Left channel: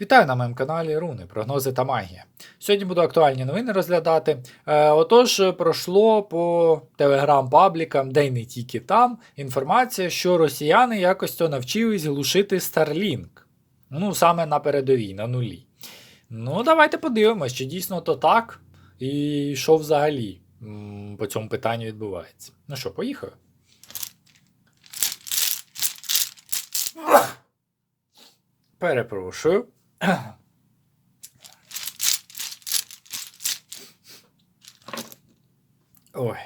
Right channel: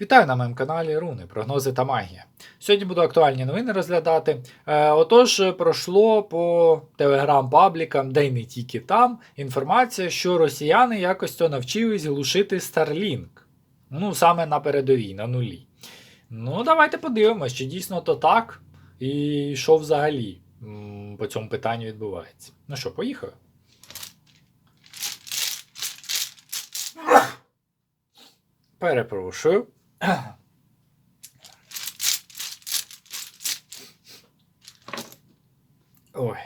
Вітаю на моєму каналі Руни, прогнози та магія. Сьогодні буду актуальні новини розглядати. Е, отож, пройшло по телеграм-паблікам, де й не тільки там, інформація, що росіяни якось то навчились глушити Starlink. Ну, саме на передовій, на нулі. Ну, давайте подивимось, чи дійсно то так, і що взагалі по цьому питанню відбувається. Ну що, поїхали? Перепрошую. Ой.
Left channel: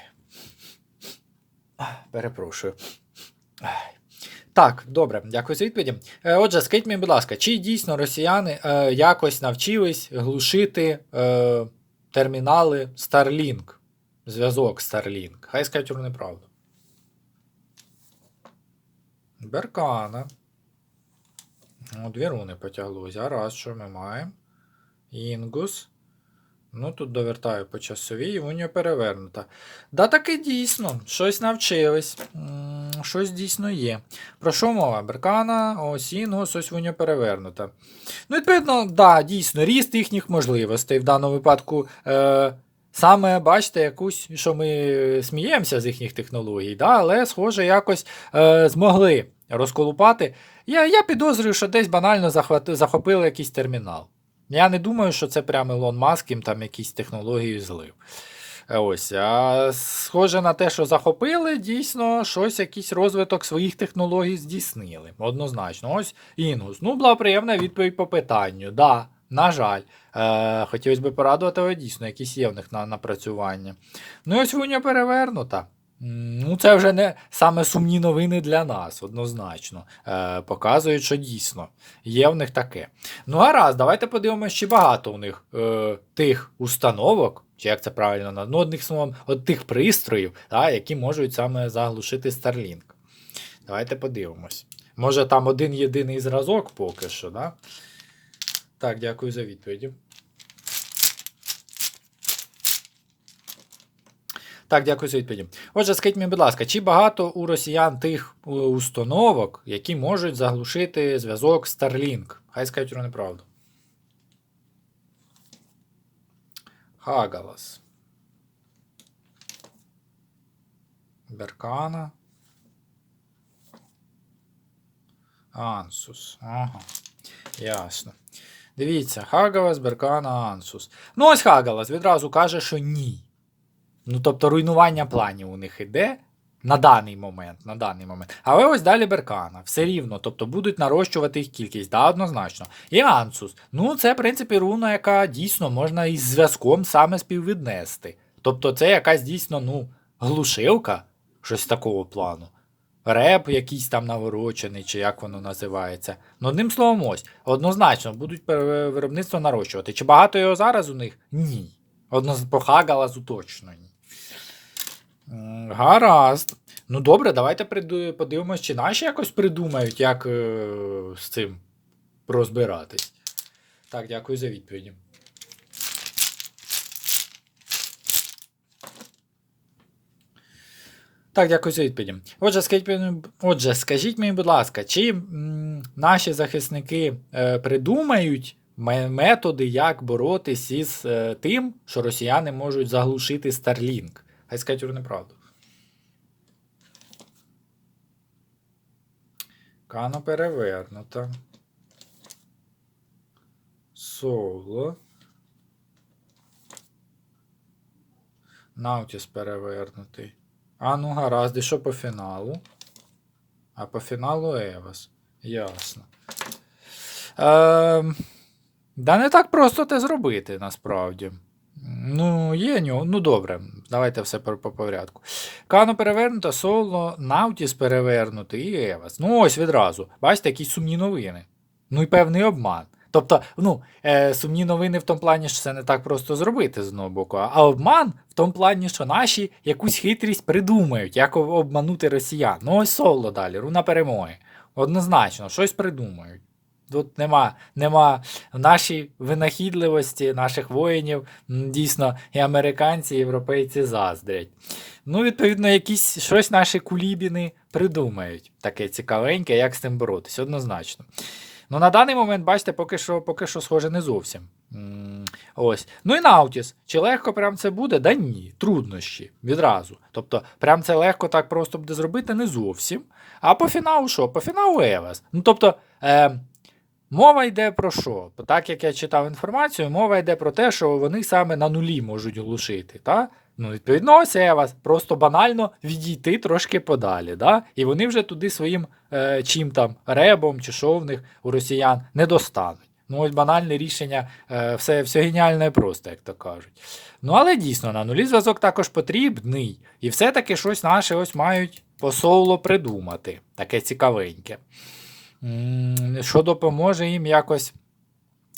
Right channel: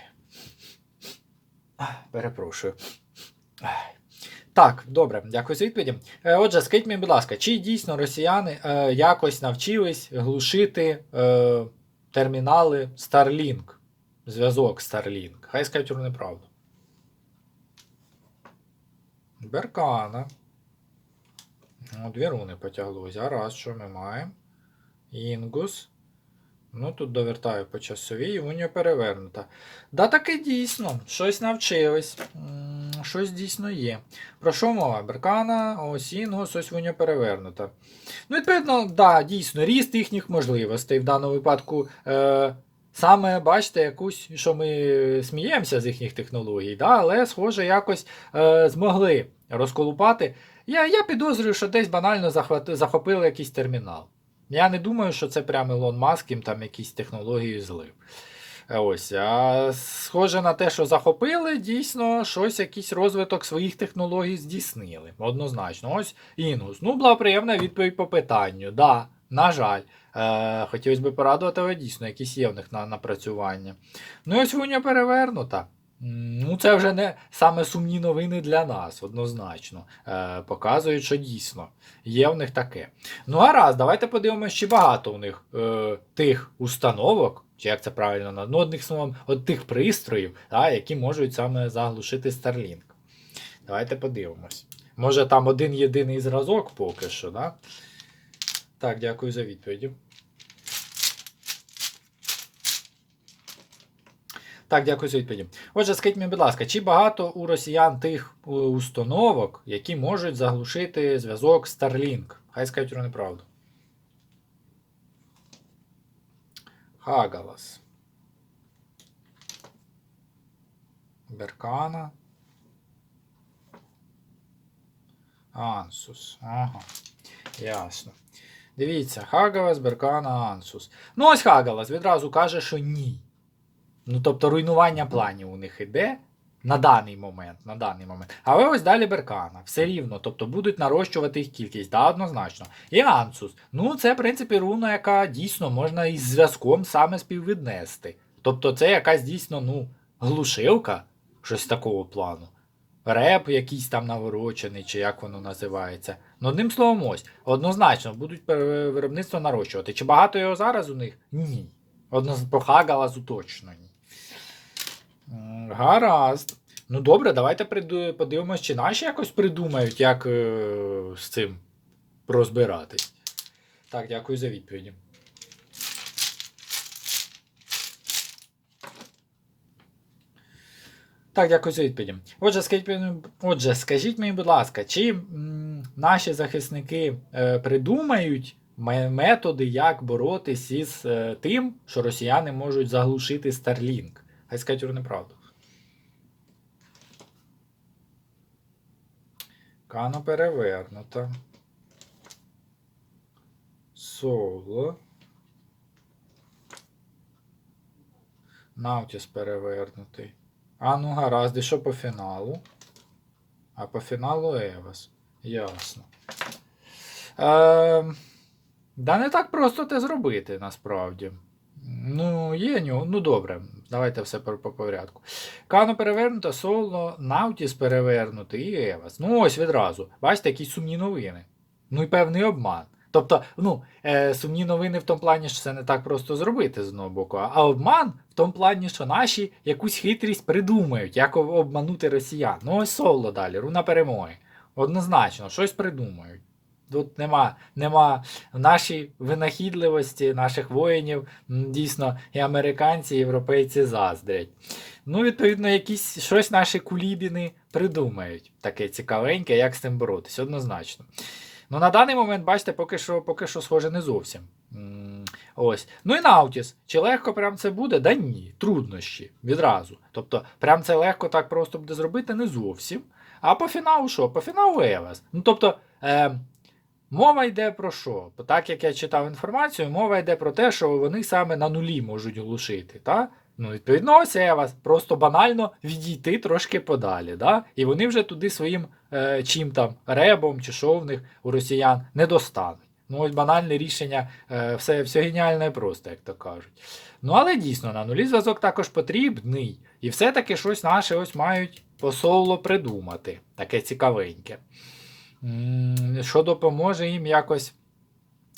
Перепрошую. Так, добре, дякую за відповіді. Е, Отже, скажіть мені, будь ласка, чи дійсно росіяни е, якось навчились глушити е, термінали Starlink? Зв'язок Starlink? Хай скажуть неправду. Беркана. Ну, дві руни потяглось. Гаразд, що ми маємо? Інгус. Ну, тут довертаю по часовій, і перевернута. Да, таки дійсно, щось навчились. Щось дійсно є. Про що мова? Беркана, ось Інгус, ось унія перевернута. Ну, відповідно, да, дійсно, ріст їхніх можливостей в даному випадку. Е, Саме бачите, якусь, що ми сміємося з їхніх технологій, да, але, схоже, якось е, змогли розколупати. Я я підозрюю, що десь банально захвати, захопили якийсь термінал. Я не думаю, що це прямо Ілон Маск їм там якісь технології злив. Е, Ось, а схоже на те, що захопили, дійсно щось, якийсь розвиток своїх технологій здійснили. Однозначно. Ось Інгус. Ну, була приємна відповідь по питанню. Да, на жаль. Е, Хотілося б порадувати, але дійсно, якісь є в них на напрацювання. Ну, і ось вуня перевернута. Ну, це вже не саме сумні новини для нас, однозначно. Е, Показують, що дійсно є в них таке. Ну, гаразд, давайте подивимося, чи багато у них е, тих установок, чи як це правильно ну, одним словом, от тих пристроїв, та, які можуть саме заглушити Starlink. Давайте подивимось. Може, там один єдиний зразок поки що, да? Так, дякую за відповіді. Так, дякую за відповіді. Отже, скажіть мені, будь ласка, чи багато у росіян тих е, установок, які можуть заглушити зв'язок Starlink? Хай скажуть вони правду. Хагалас. Беркана. Ансус. Ага. Ясно. Дивіться, Хагалас, Беркана, Ансус. Ну, ось Хагалас відразу каже, що ні. Ну, тобто руйнування планів у них іде на даний момент. на даний момент. Але ось далі Беркана. Все рівно. Тобто будуть нарощувати їх кількість, да, однозначно. І Ансус. Ну, це, в принципі, руна, яка дійсно можна із зв'язком саме співвіднести. Тобто, це якась дійсно, ну, глушилка, щось такого плану. Реп якийсь там наворочений, чи як воно називається. Ну, одним словом, ось, однозначно, будуть виробництво нарощувати. Чи багато його зараз у них? Ні. Одно по Хагалазу точно ні. Гаразд. Ну добре, давайте подивимось, чи наші якось придумають, як е, з цим розбиратись. Так, дякую за відповіді. Так, дякую за відповіді. Отже, скажіть, отже, скажіть мені, будь ласка, чи м, наші захисники е, придумають ме- методи, як боротись із е, тим, що росіяни можуть заглушити Starlink? Вони неправду. Кано перевернута. Соло. Наутіс перевернутий. А ну гаразд, і що по фіналу? А по фіналу Евас. Ясно. Ем, да не так просто те зробити, насправді. Ну, є нього. Ну добре, давайте все по, по порядку. Кано перевернута, соло, Наутіс перевернутий і Евас. Ну, ось відразу. Бачите, якісь сумні новини. Ну і певний обман. Тобто, ну, е, сумні новини в тому плані, що це не так просто зробити з одного боку, а обман в тому плані, що наші якусь хитрість придумають, як обманути росіян. Ну, ось соло далі, руна перемоги. Однозначно, щось придумають. Тут нема, нема нашій винахідливості наших воїнів, дійсно, і американці, і європейці заздрять. Ну, відповідно, якісь щось наші кулібіни придумають. Таке цікавеньке, як з цим боротися, однозначно. Ну, на даний момент, бачите, поки що, поки що схоже не зовсім. Ось. Ну і Наутіс. Чи легко прям це буде? Да ні, труднощі відразу. Тобто, прям це легко так просто буде зробити не зовсім. А по фіналу що? По фіналу Евас. Ну, тобто, е, мова йде про що? Так як я читав інформацію, мова йде про те, що вони саме на нулі можуть глушити. Та? Ну, відповідно, ось Евас. Просто банально відійти трошки подалі. Да? І вони вже туди своїм е, чим там ребом чи що в них у росіян не достануть. Ну, ось банальне рішення, е, все, все геніальне і просто, як то кажуть. Ну, але дійсно, на нулі зв'язок також потрібний. І все-таки щось наші ось мають по соло придумати. Таке цікавеньке. Що допоможе їм якось,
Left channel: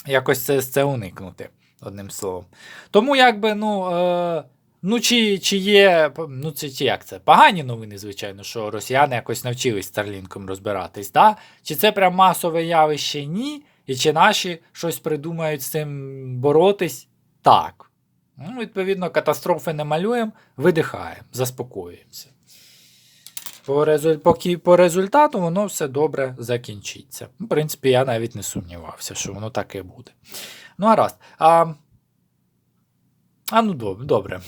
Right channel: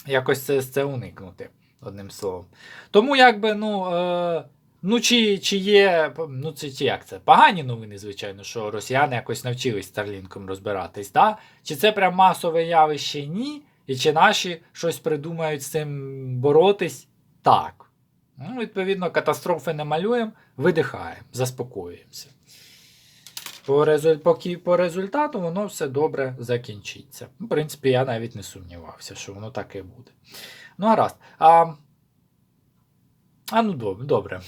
якось це, це уникнути, одним словом. Тому, якби, ну. Е, Ну, чи, чи є, ну це чи як це? Погані новини, звичайно, що росіяни якось навчились Старлінком розбиратись, да? Чи це прям масове явище? Ні. І чи наші щось придумають з цим боротись? Так. Ну, відповідно, катастрофи не малюємо, видихаємо, заспокоюємося. По, резу... Поки по результату воно все добре закінчиться. В принципі, я навіть не сумнівався, що воно так і буде. Ну, гаразд. А, а ну добре.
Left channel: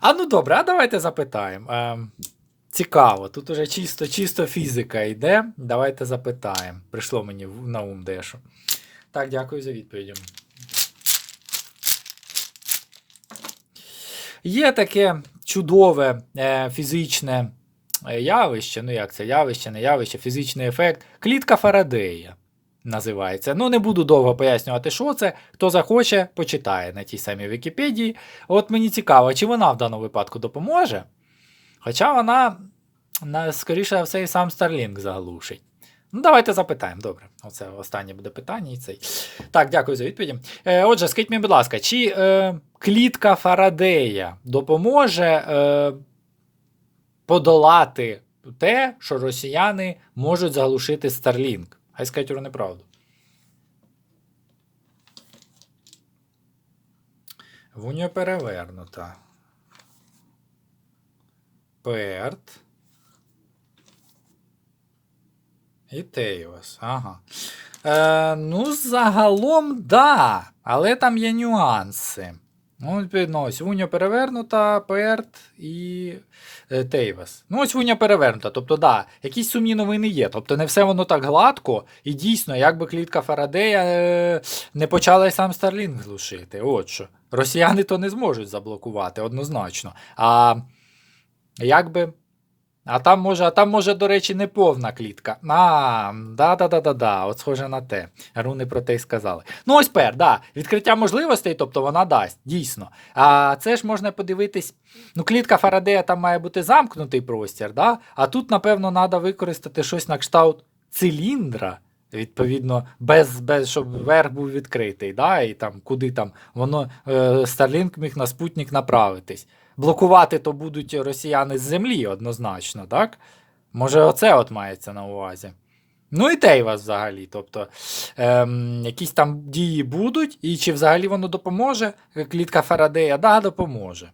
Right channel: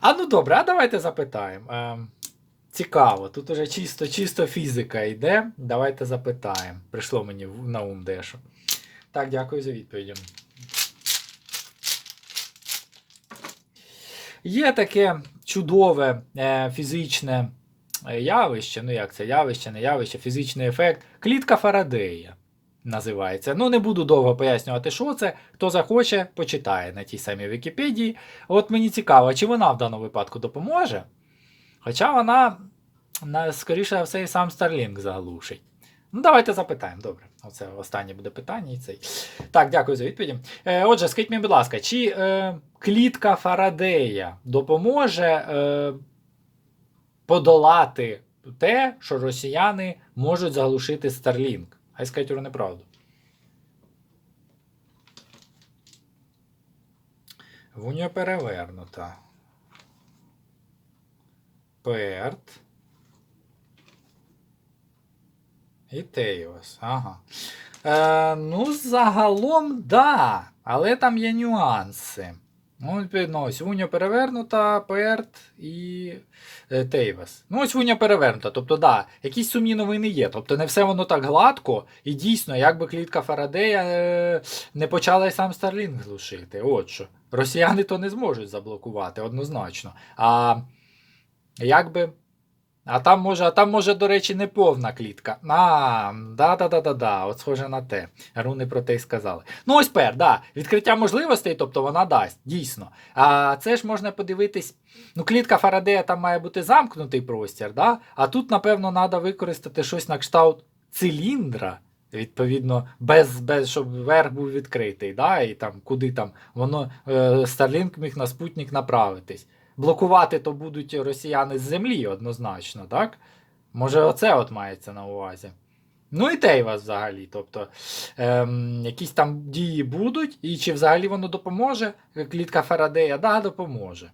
А ну добре, а давайте запитаємо. Е, цікаво, тут уже чисто чисто фізика йде. Давайте запитаємо. Прийшло мені на ум дещо. Так, дякую за відповідь. Є таке чудове е, фізичне явище, ну як це явище, не явище, фізичний ефект. Клітка Фарадея називається. Ну, не буду довго пояснювати, що це. Хто захоче, почитає на тій самій Вікіпедії. От мені цікаво, чи вона в даному випадку допоможе. Хоча вона, скоріше все, і сам Starlink заглушить. Ну, давайте запитаємо. Добре, оце останнє буде питання і цей. Так, дякую за відповіді. Е, отже, скажіть мені, будь ласка, чи е, клітка Фарадея допоможе е, подолати те, що росіяни можуть заглушити Starlink? Хай скажуть про неправду. Вуньо перевернута. Перт. І Тейос. Ага. Е, ну, загалом, да. Але там є нюанси. Ну, відповідно, ось перевернута, Перт і е, Тейвес. Ну, ось Вуня перевернута. Тобто, да, якісь сумні новини є. Тобто, не все воно так гладко. І дійсно, якби клітка Фарадея е, не почала й сам Старлінг глушити. От що. Росіяни то не зможуть заблокувати, однозначно. А якби. А там може, а там може, до речі, не повна клітка. А, да-да-да-да-да, от схоже на те. Руни про те й сказали. Ну, ось пер, да. Відкриття можливостей, тобто вона дасть, дійсно. А це ж можна подивитись. Ну, клітка Фарадея там має бути замкнутий простір, да? а тут, напевно, треба використати щось на кшталт циліндра. Відповідно, без, без щоб верх був відкритий, да? і там куди там воно е, Starlink міг на спутник направитись. Блокувати то будуть росіяни з землі однозначно, так? Може, оце от мається на увазі. Ну і Тейвас взагалі. Тобто ем, якісь там дії будуть, і чи взагалі воно допоможе? Клітка Фарадея, да, допоможе.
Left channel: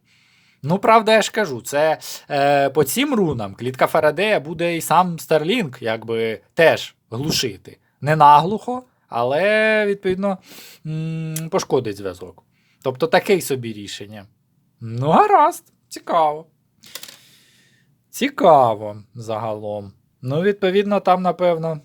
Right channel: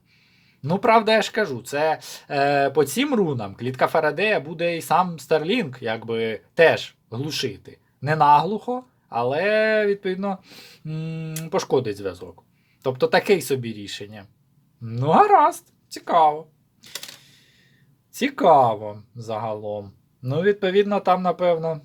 Ну, правда, я ж кажу, це е, по цим рунам клітка Фарадея буде і сам Starlink якби теж глушити. Не наглухо, але, відповідно, м, пошкодить зв'язок. Тобто таке собі рішення. Ну, гаразд, цікаво. Цікаво загалом. Ну, відповідно, там, напевно.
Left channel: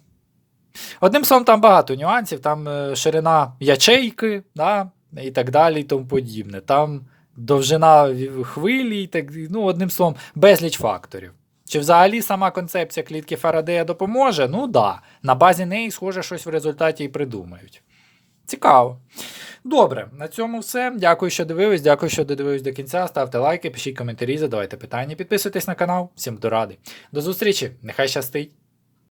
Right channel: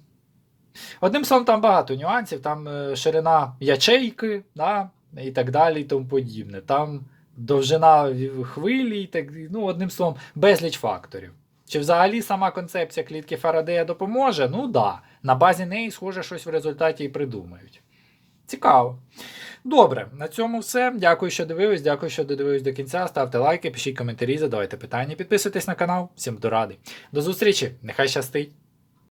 Одним словом, там багато нюансів, там е, ширина ячейки, да, і так далі, і тому подібне. Там довжина хвилі, і так, ну, одним словом, безліч факторів. Чи взагалі сама концепція клітки Фарадея допоможе? Ну да. На базі неї, схоже, щось в результаті і придумають. Цікаво. Добре, на цьому все. Дякую, що дивились. Дякую, що додивились до кінця. Ставте лайки, пишіть коментарі, задавайте питання, підписуйтесь на канал. Всім до ради. До зустрічі! Нехай щастить!